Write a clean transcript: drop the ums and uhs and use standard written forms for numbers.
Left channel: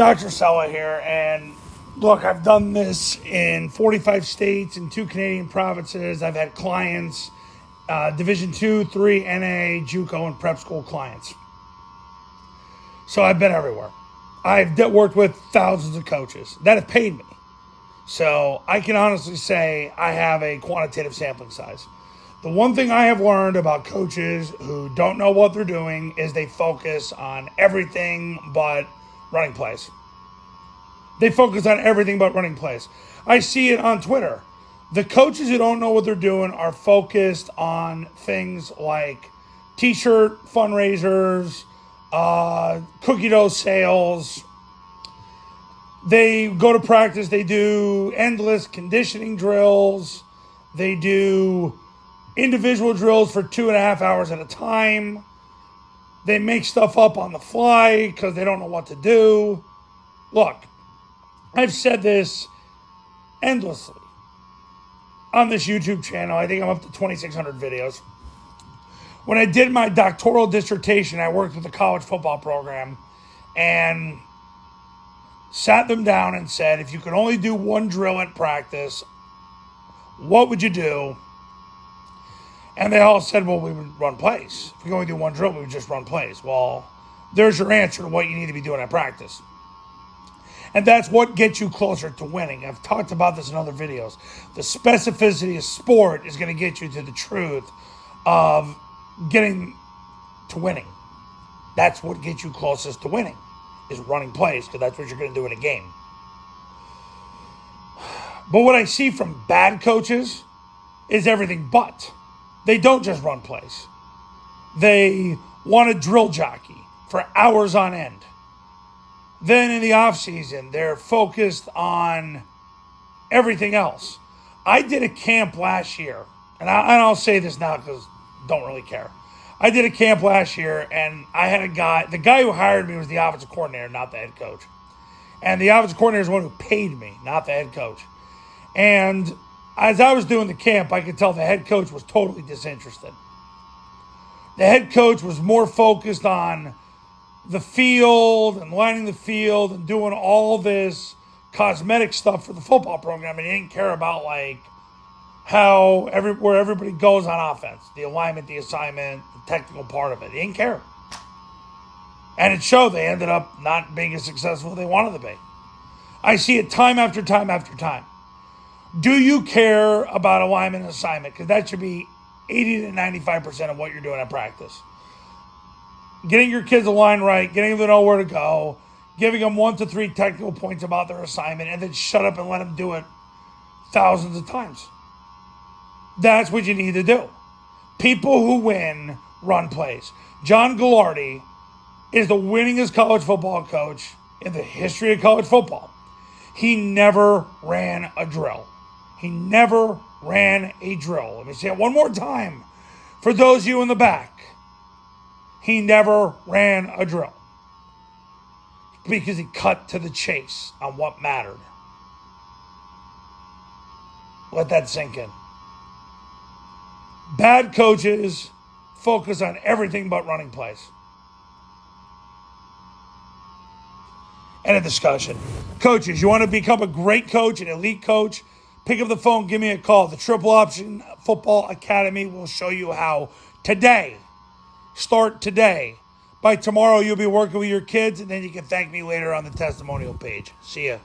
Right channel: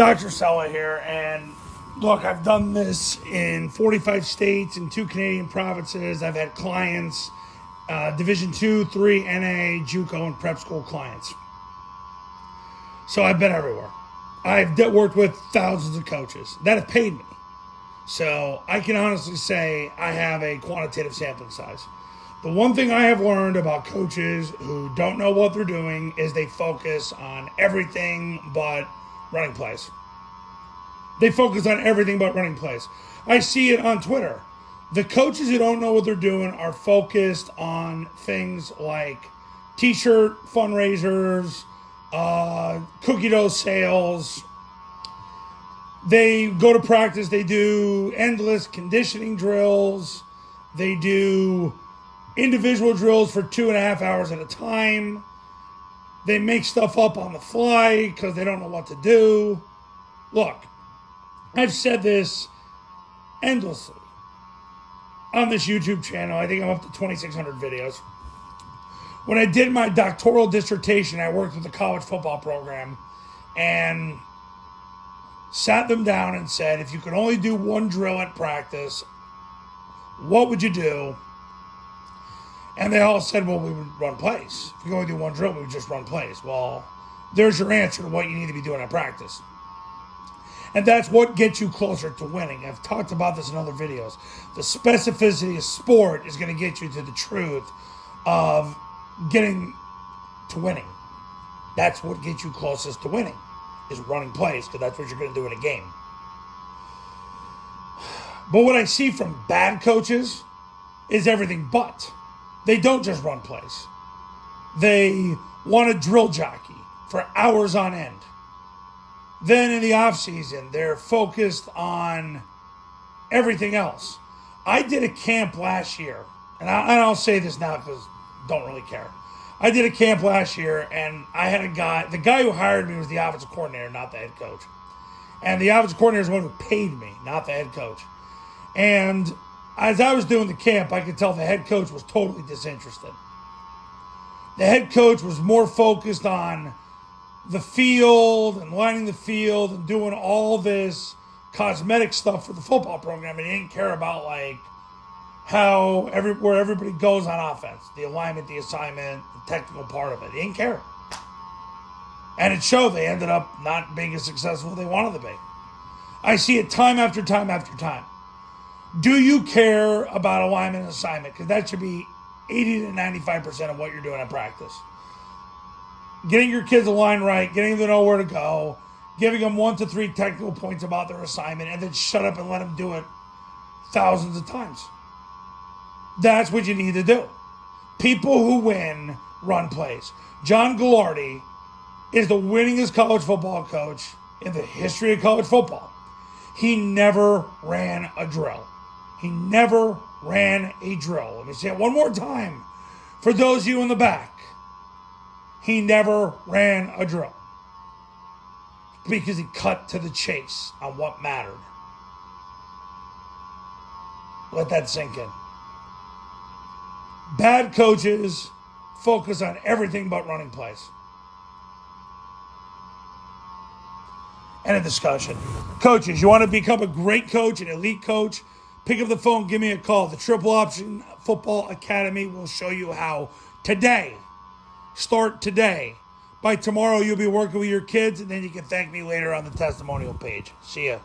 Dr. Cella here, and look, I've done this in 45 states and 2 Canadian provinces. I've had clients, Division 2, 3, NA, JUCO, and prep school clients. So I've been everywhere. I've worked with thousands of coaches that have paid me. So I can honestly say I have a quantitative sampling size. The one thing I have learned about coaches who don't know what they're doing is they focus on everything but running plays. They focus on everything but running plays. I see it on Twitter. The coaches who don't know what they're doing are focused on things like t-shirt fundraisers, cookie dough sales. They go to practice, they do endless conditioning drills. They do individual drills for 2.5 hours at a time. They make stuff up on the fly because they don't know what to do. Look, I've said this endlessly on this YouTube channel. I think I'm up to 2,600 videos. When I did my doctoral dissertation, I worked with a college football program and sat them down and said, if you could only do one drill at practice, what would you do? And they all said, well, we would run plays. If we could only do one drill, we would just run plays. Well, there's your answer to what you need to be doing at practice. And that's what gets you closer to winning. I've talked about this in other videos. The specificity of sport is going to get you to the truth of getting to winning. That's what gets you closest to winning, is running plays, because that's what you're going to do in a game. But what I see from bad coaches is everything but. They don't just run plays. They want to drill jockey for hours on end. Then in the off season, they're focused on everything else. I did a camp last year, and I'll say this now because I don't really care. I did a camp last year, and I had a guy. The guy who hired me was the offensive coordinator, not the head coach. And the offensive coordinator is the one who paid me, not the head coach. And as I was doing the camp, I could tell the head coach was totally disinterested. The head coach was more focused on the field and lining the field and doing all this cosmetic stuff for the football program, and he didn't care about like where everybody goes on offense, the alignment, the assignment, the technical part of it. He didn't care. And it showed. They ended up not being as successful as they wanted to be. I see it time after time after time. Do you care about alignment and assignment? Because that should be 80 to 95% of what you're doing at practice. Getting your kids aligned right, getting them to know where to go, giving them 1 to 3 technical points about their assignment, and then shut up and let them do it thousands of times. That's what you need to do. People who win run plays. John Gallardi is the winningest college football coach in the history of college football. He never ran a drill. He never ran a drill. Let me say it one more time for those of you in the back. He never ran a drill because he cut to the chase on what mattered. Let that sink in. Bad coaches focus on everything but running plays. End of discussion. Coaches, you want to become a great coach, an elite coach? Pick up the phone, give me a call. The Triple Option Football Academy will show you how today. Start today. By tomorrow, you'll be working with your kids, and then you can thank me later on the testimonial page. See ya.